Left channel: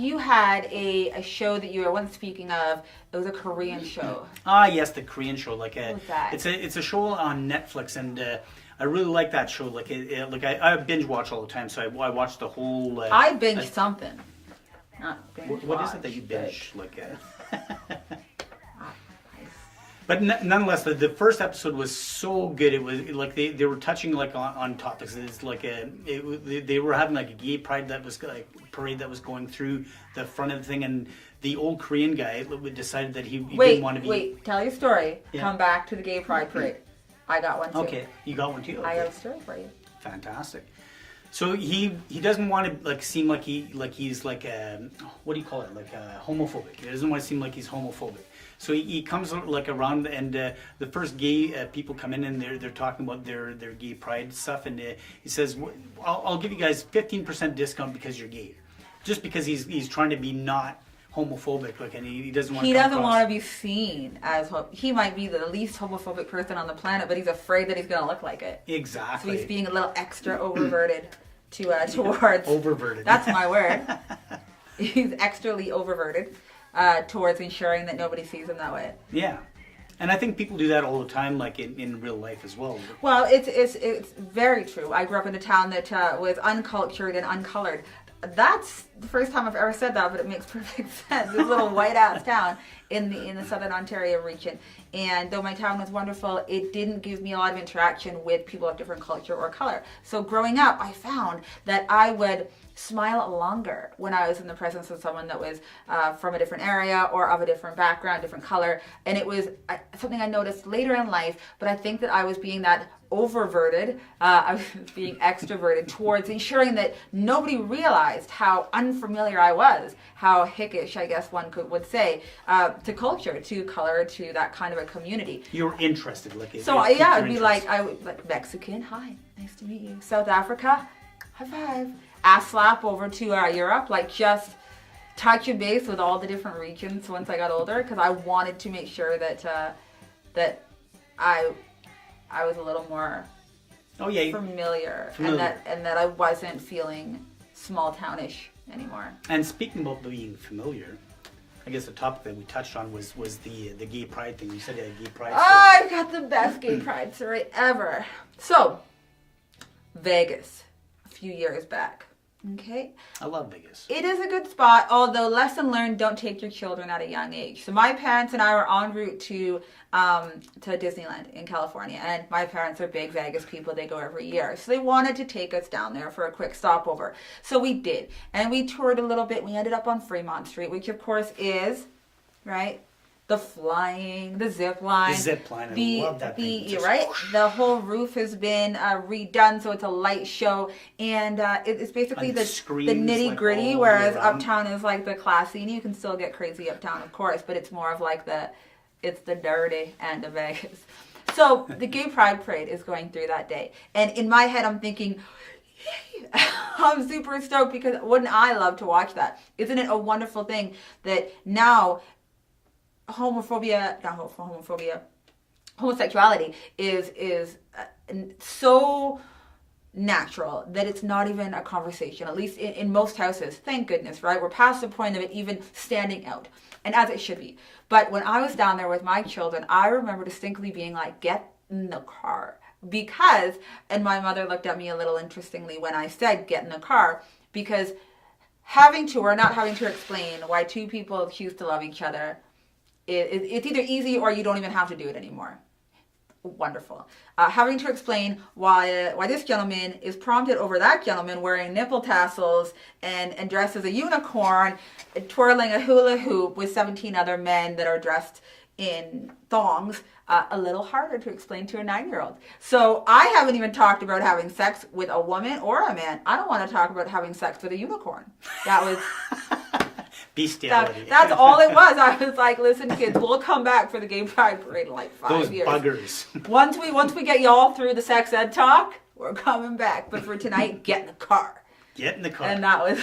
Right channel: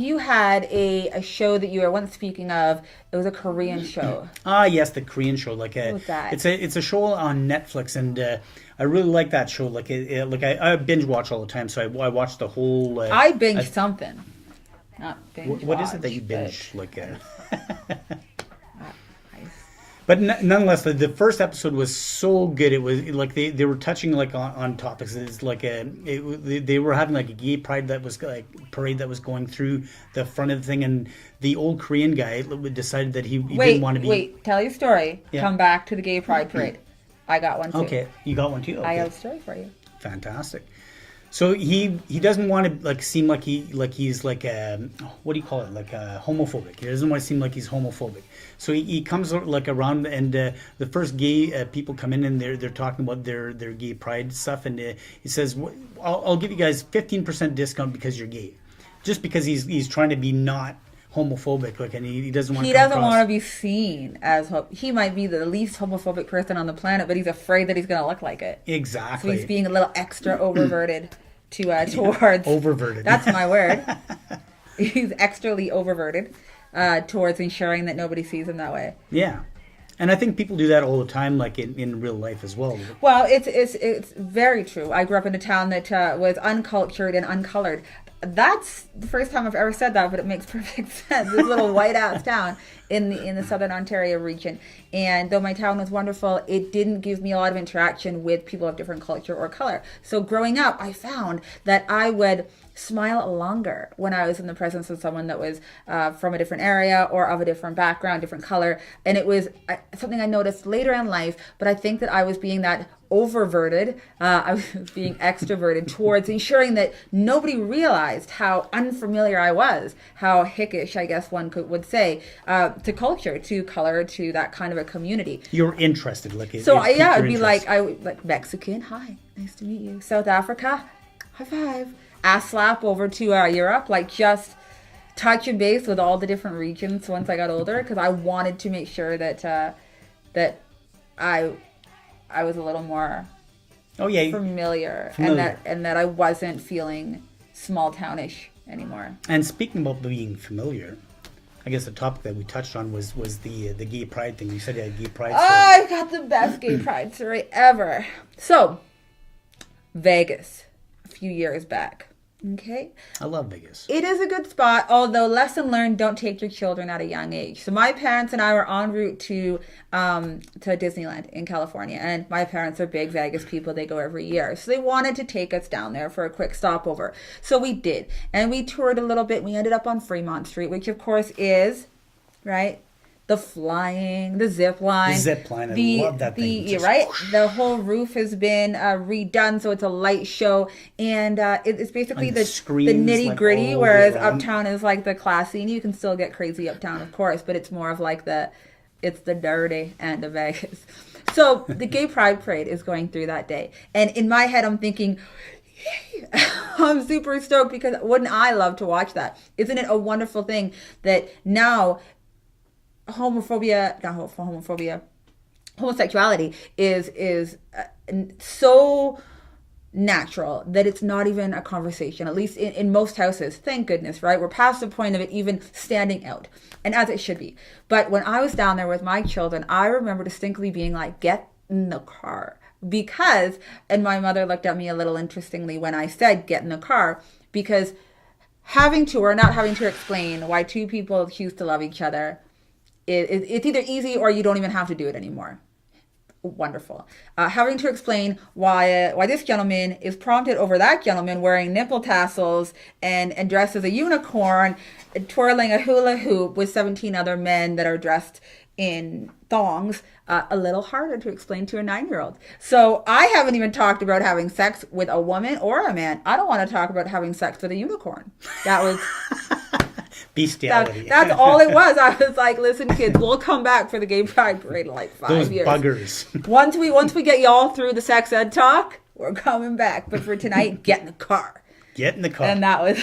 you had a show that you were once speaking of? It was a Korean show. Yes, the Korean show. Like what was that? It's a show on Netflix, and I really like that show. Like I binge watch all the time, so I watched the whole. I binge something, not binge. What is it that you binge? But nonetheless, the first episode was so good. It was like they were touching like on topics. It's like they were having like a gay parade that was going through the front of the thing, and the old Korean guy decided that he didn't want to be. Wait, tell your story. Yeah. Come back to the gay pride parade. I got one too. Okay, you got one too. Okay. I got a story for you. Fantastic. So he doesn't want to like seem like he's like what do you call it, like homophobic. He doesn't want to seem like he's homophobic. So he comes like around, and the first gay people come in, and they're talking about their gay pride stuff, and he says, I'll give you guys 15% discount because you're gay, just because he's trying to be not homophobic, like, and he doesn't want. He doesn't want to be seen as he might be the least homophobic person on the planet, but he's afraid that he's going to look like it. Exactly. So he's being a little extra oververted towards. Oververted. That's my word. He's extrally oververted towards ensuring that nobody sees him that way. Yeah. And I think people do that all the time, like in real life as well. Well, it's very true. I grew up in a town that was uncultured and uncolored. That's the first time I've ever said that, but it makes perfect sense. This little white ass town in the Southern Ontario region. And though my town was wonderful, it didn't give me a lot of interaction with people of different culture or color. So growing up, I found that I would smile longer when I was in the presence of someone that was from a different area or of a different background, different color. And it was something I noticed later in life, but I think that I was being that oververted, I was being extroverted towards ensuring that nobody realized how unfamiliar I was, how hickish, I guess one would say, to culture, to color, to that kind of a community. You're interested, like it. So yeah, it'd be like Mexican, hi, nice to meet you. South Africa, high five. Ass slap over to Europe, like just touch and base with all the different regions once I got older, because I wanted to make sure that that I was a little more familiar. And that I wasn't feeling small townish anymore. And speaking about being familiar, I guess the topic that we touched on was the gay pride thing. You said you had gay pride. I got the best gay pride story ever. So, Vegas, a few years back. Okay. I love Vegas. It is a good spot, although lesson learned, don't take your children at a young age. So my parents and I were en route to Disneyland in California, and my parents are big Vegas people. They go every year. So they wanted to take us down there for a quick stopover. So we did. And we toured a little bit. We ended up on Fremont Street, which of course is, right? The flying, the zip line. The zip line, I love that thing. Right? The whole roof has been redone, so it's a light show. And it's basically the nitty gritty, like whereas Uptown is like the classy. And you can still get crazy Uptown, of course, but it's more of like it's the dirty end of Vegas. So the Gay Pride Parade is going through that day. And in my head, I'm thinking, I'm super stoked, because wouldn't I love to watch that? Isn't it a wonderful thing that now homosexuality is so natural that it's not even a conversation, at least in most houses. Thank goodness, right? We're past the point of it even standing out, and as it should be. But when I was down there with my children, I remember distinctly being like, get in the car. Because, and my mother looked at me a little interestingly when I said get in the car, because having to or not having to explain why two people choose to love each other, it's either easy or you don't even have to do it anymore. Wonderful. Having to explain why this gentleman is prompted over that gentleman wearing nipple tassels and dressed as a unicorn, twirling a hula hoop with 17 other men that are dressed in thongs, a little harder to explain to a 9-year-old. So I haven't even talked about having sex with a woman or a man. I don't want to talk about having sex with a unicorn. That was... bestiality. That's all it was. I was like, listen, kids, we'll come back for the Gay Pride Parade in like 5 years. Those buggers. Once we get y'all through the sex ed talk, we're coming back. But for tonight, get in the car. Get in the car. And that was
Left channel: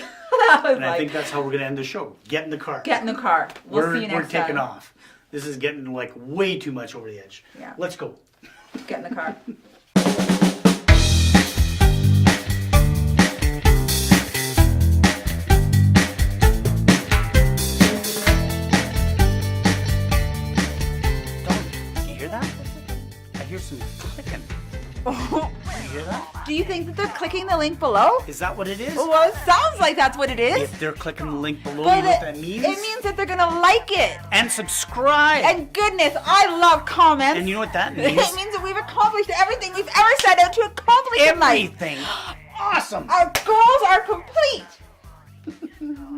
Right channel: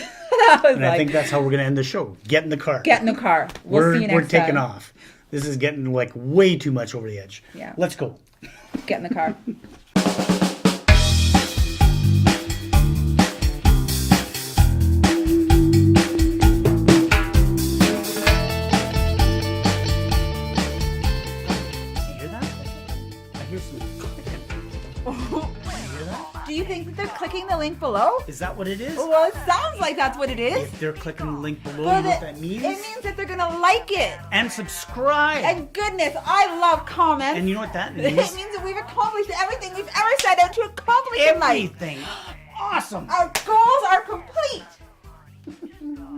and I think that's how we're going to end the show. Get in the car. Get in the car. We'll see you next time. We're taking off. This is getting like way too much over the edge. Yeah. Let's go. Get in the car. the link below? Is that what it is? Well, it sounds like that's what it is. If they're clicking the link below, But you know what that means? it means that they're gonna like it. And subscribe. And goodness, I love comments. And you know what that means? It means that we've accomplished everything we've ever set out to accomplish in life. Everything. Awesome. Our goals are complete.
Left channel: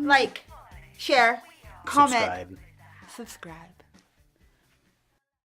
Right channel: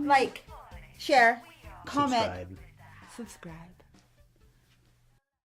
Like, share, comment, Subscribe. subscribe.